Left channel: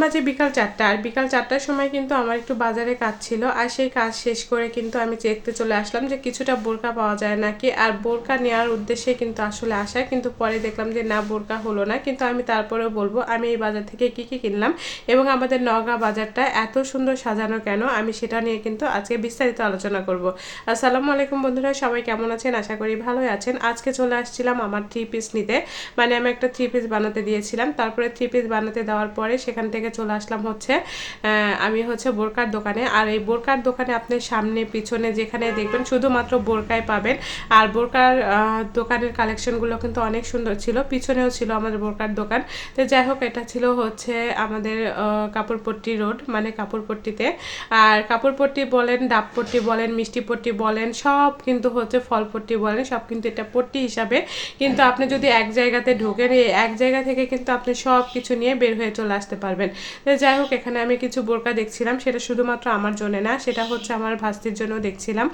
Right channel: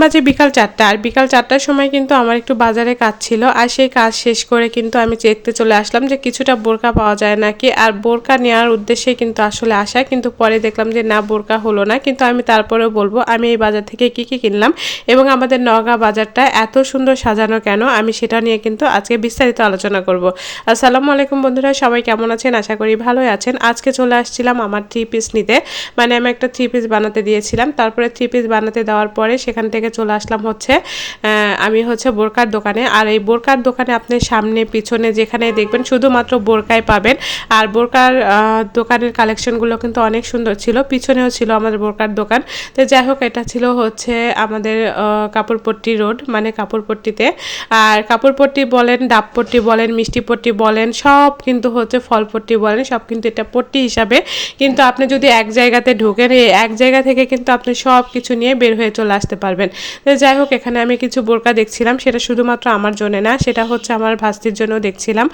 বাজে বিকাল 4টা। আর বিকাল 4টার সময় কিন্তু আমার একটু বাজারে কাজ ছিল, আর সেই কাজ শেষ করে কিন্তু আমি দেখতে চলে আসলাম যে কিছুটা বোরকা পাওয়া যায় নাকি। আর বোরকা নেওয়ার উদ্দেশ্যে কিন্তু আসলে আসা, কিন্তু পরে দেখলাম যে না, বোরকা হলো না। কিন্তু আমি তারপরেও বলবো আমি এই বাজার থেকে কি কি কিনলাম এবং আমাদের নওগাঁ বাজারটা এত সুন্দর সাজানো কেন, আমি সেটা নিয়ে কিন্তু আজকে বিস্তারিত আলোচনা করব। আসসালামু আলাইকুম বন্ধুরা, সবাই কেমন আছেন? আশা করি ভালোই আছেন। আজকে চলে আসছিলাম আমার 3 পিস নিতে, মানে আমি একটা 3 পিস বানাতে দিয়েছিলাম। তারপরে 3 পিস বানাতে দেওয়ার পরে সেখান থেকে চলে আসলাম হচ্ছে আমি হচ্ছে বোরকার দোকানে। আর এই বোরকার দোকানে আপনি সামনে পিছনে যেখানে দেখবেন শুধুমাত্র বোরকাই পাবেন। আর বোরকার দোকানের কালেকশনগুলো কিন্তু অনেক সুন্দর ছিল, পিছনেও ছিল আমাদের বোরকার দোকান। তো যাই হোক, এটা ছিল হচ্ছে আমাদের কাপড়পট্টি রোড, মানে কাপড়পট্টিতে। আর কাপড়পট্টি বলেন, ডাবপট্টি বলেন, মিষ্টিপট্টি বলেন, সব কিন্তু হচ্ছে ফলপট্টি বলেন, সব কিন্তু এটা পট্টি হিসাবে। কিন্তু আপনি যদি এক জায়গাতে ঢোকেন, এই এক জায়গা থেকে কিন্তু আপনি সব কিছু নিয়ে বের হয়ে চলে আসতে পারবেন। তো যাই হোক, এখানে আমি কিছু বোরকা দেখছিলাম, সেটা শুধুমাত্র আমার জন্য না, সেটা হচ্ছে আমার ভাস্তির জন্য দেখছিলাম,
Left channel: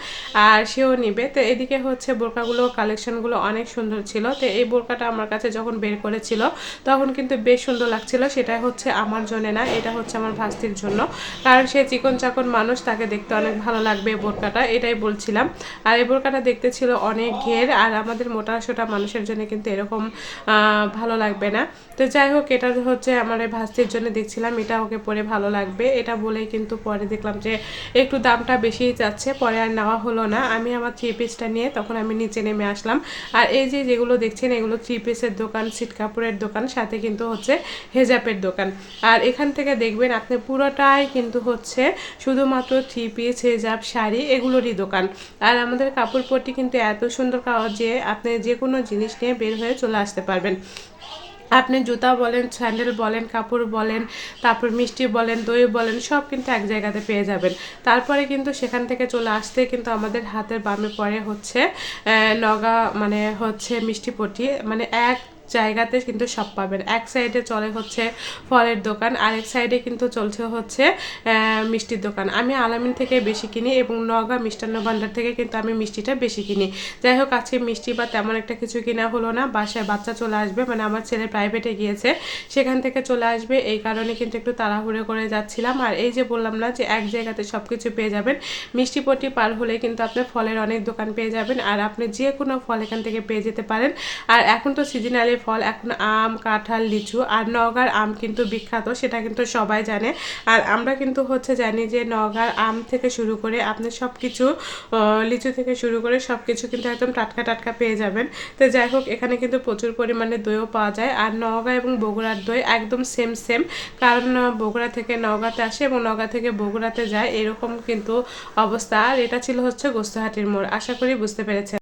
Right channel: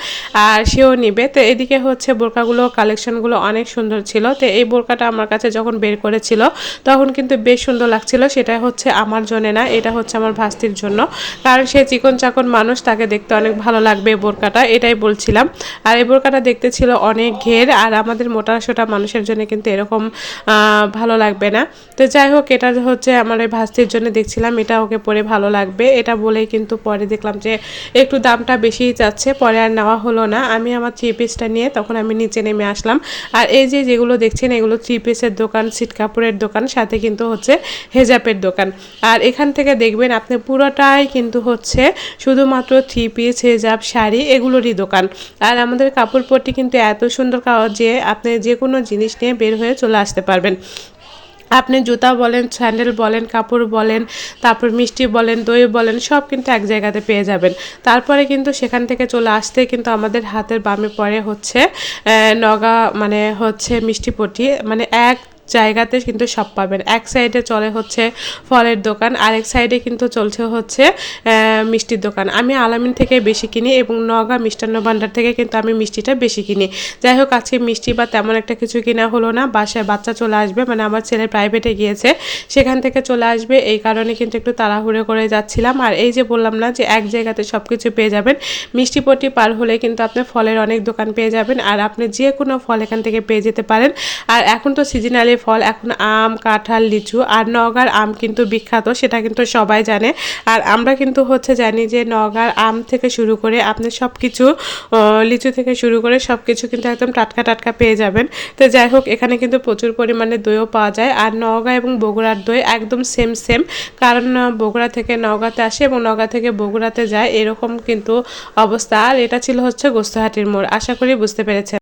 আর সেও নিবে। তো এদিকে হচ্ছে বোরকাগুলো কালেকশনগুলো অনেক সুন্দর ছিল। তো এই বোরকাটা আমার কাছে যখন বের করেছিল তখন কিন্তু বেশ সুন্দর লাগছিল। সেটা হচ্ছে আমার জন্য না, এটা হচ্ছে আমার ভাস্তির জন্য, কারণ সে চিকন চাকন মানুষ, তাকে দেখতে অনেক ভালো লাগবে বোরকাটা, এটাই বলছিলাম। আর এই বোরকাটা দেখতে ছিল অনেক ঘের, আর আমাদের মোটা সোটা মানুষের জন্য কিন্তু এরকম ভালো লাগবে না। তো যাই হোক, এটা হচ্ছে আমার এই ভাস্তির জন্য দেখছিলাম, এটা ওকে পরে ভালো লাগবে এটা বলেই কিন্তু পরে দেখলাম যে একটু দামটা বেশিই যাচ্ছে, পরে আর নেওয়া হলো না। আমি আমার 3 পিসটা নিয়ে তখন আমি নিচে নেমে আসলাম। আর এই যে যেগুলো দেখছেন এগুলো 3 পিসের দোকান, সিট কাপড়ের দোকান, সাথে কিন্তু হচ্ছে হেজাবের দোকান। আর এখান থেকে দেখবেন আপনি পুরোটাই কিন্তু হচ্ছে শুধুমাত্র 3 পিস, হেজাব, শাড়ি এগুলোরই দোকান। আর আমাদের কাপড়পট্টি কিন্তু এত সুন্দর যে আপনি যে কোনো জিনিস নিয়ে বের হয়ে চলে আসতে পারবেন। আপনি জুতা বলেন, স্যান্ডেল বলেন, কাপড় বলেন, তারপর মিষ্টি বলেন, দই বলেন, সব কিন্তু এক জায়গাতে পেয়ে যাবেন। তারপরে কিন্তু সেখান থেকে চলে আসতে কিন্তু আমাদের হাতের বামে পড়ে হচ্ছে নওগাঁ, মানে হচ্ছে মিষ্টিপট্টি, মানে এক জায়গাতে কিন্তু সব পাবেন। এক সাইডে চলে হচ্ছে ফলের দোকান, আরেক সাইডে কিন্তু চলছে হচ্ছে মিষ্টির দোকান। আমি আলামিন থেকে বেশি কিনি এবং নওগাঁ মিষ্টান্ন ভাণ্ডার থেকে কিন্তু আমি মিষ্টিটা বেশি কিনি। যাই হোক, আজকে মিষ্টি বা তেমন একটা কিছু কিনা হলো না, বাসায় বাচ্চা চলে আসবে, মানে আমার ছেলে প্রাইভেটে গিয়েছে, সেখান থেকে চলে আসবে, এই কারণে কিন্তু একটু তাড়াহুড়ো করে যাচ্ছিলাম। আর এই যে বললাম না যে এক জায়গাতে সব কিছু পেয়ে যাবেন, মিষ্টিপট্টি পার হলে কিন্তু আপনি ফলের অনেক দোকান পেয়ে যাবেন, আর আপনি যে কোনো ফল এখান থেকে পেয়ে যেতে পারেন। আর এখন তো সিজনালি ফল, এখন আম, কাঁঠাল, লিচু, আর নওগাঁর আম কিন্তু বিখ্যাত, সেটা কিন্তু সবাই জানে। আর আমরা কিন্তু হচ্ছে জানি যে নওগাঁর আম থেকে শুরু করে আপনি সব কিছু, লিচু থেকে শুরু করে সব কিছু কিন্তু একদম টাটকা টাটকা পেয়ে যাবেন। তো যাই হোক, এখানে কিন্তু প্রচুর পরিমাণে দইও পাওয়া যায়। আর নওগাঁ এবং বগুড়ার দই একদম সেম সেম, কারণ বগুড়া থেকে নওগাঁতে আসে এবং নওগাঁ থেকে বগুড়াতে যায়, এরকম কিন্তু অবস্থা। আর এটা ছিল হচ্ছে গোস্তাহাটির মোড়, আশা করি বুঝতে পেরেছেন।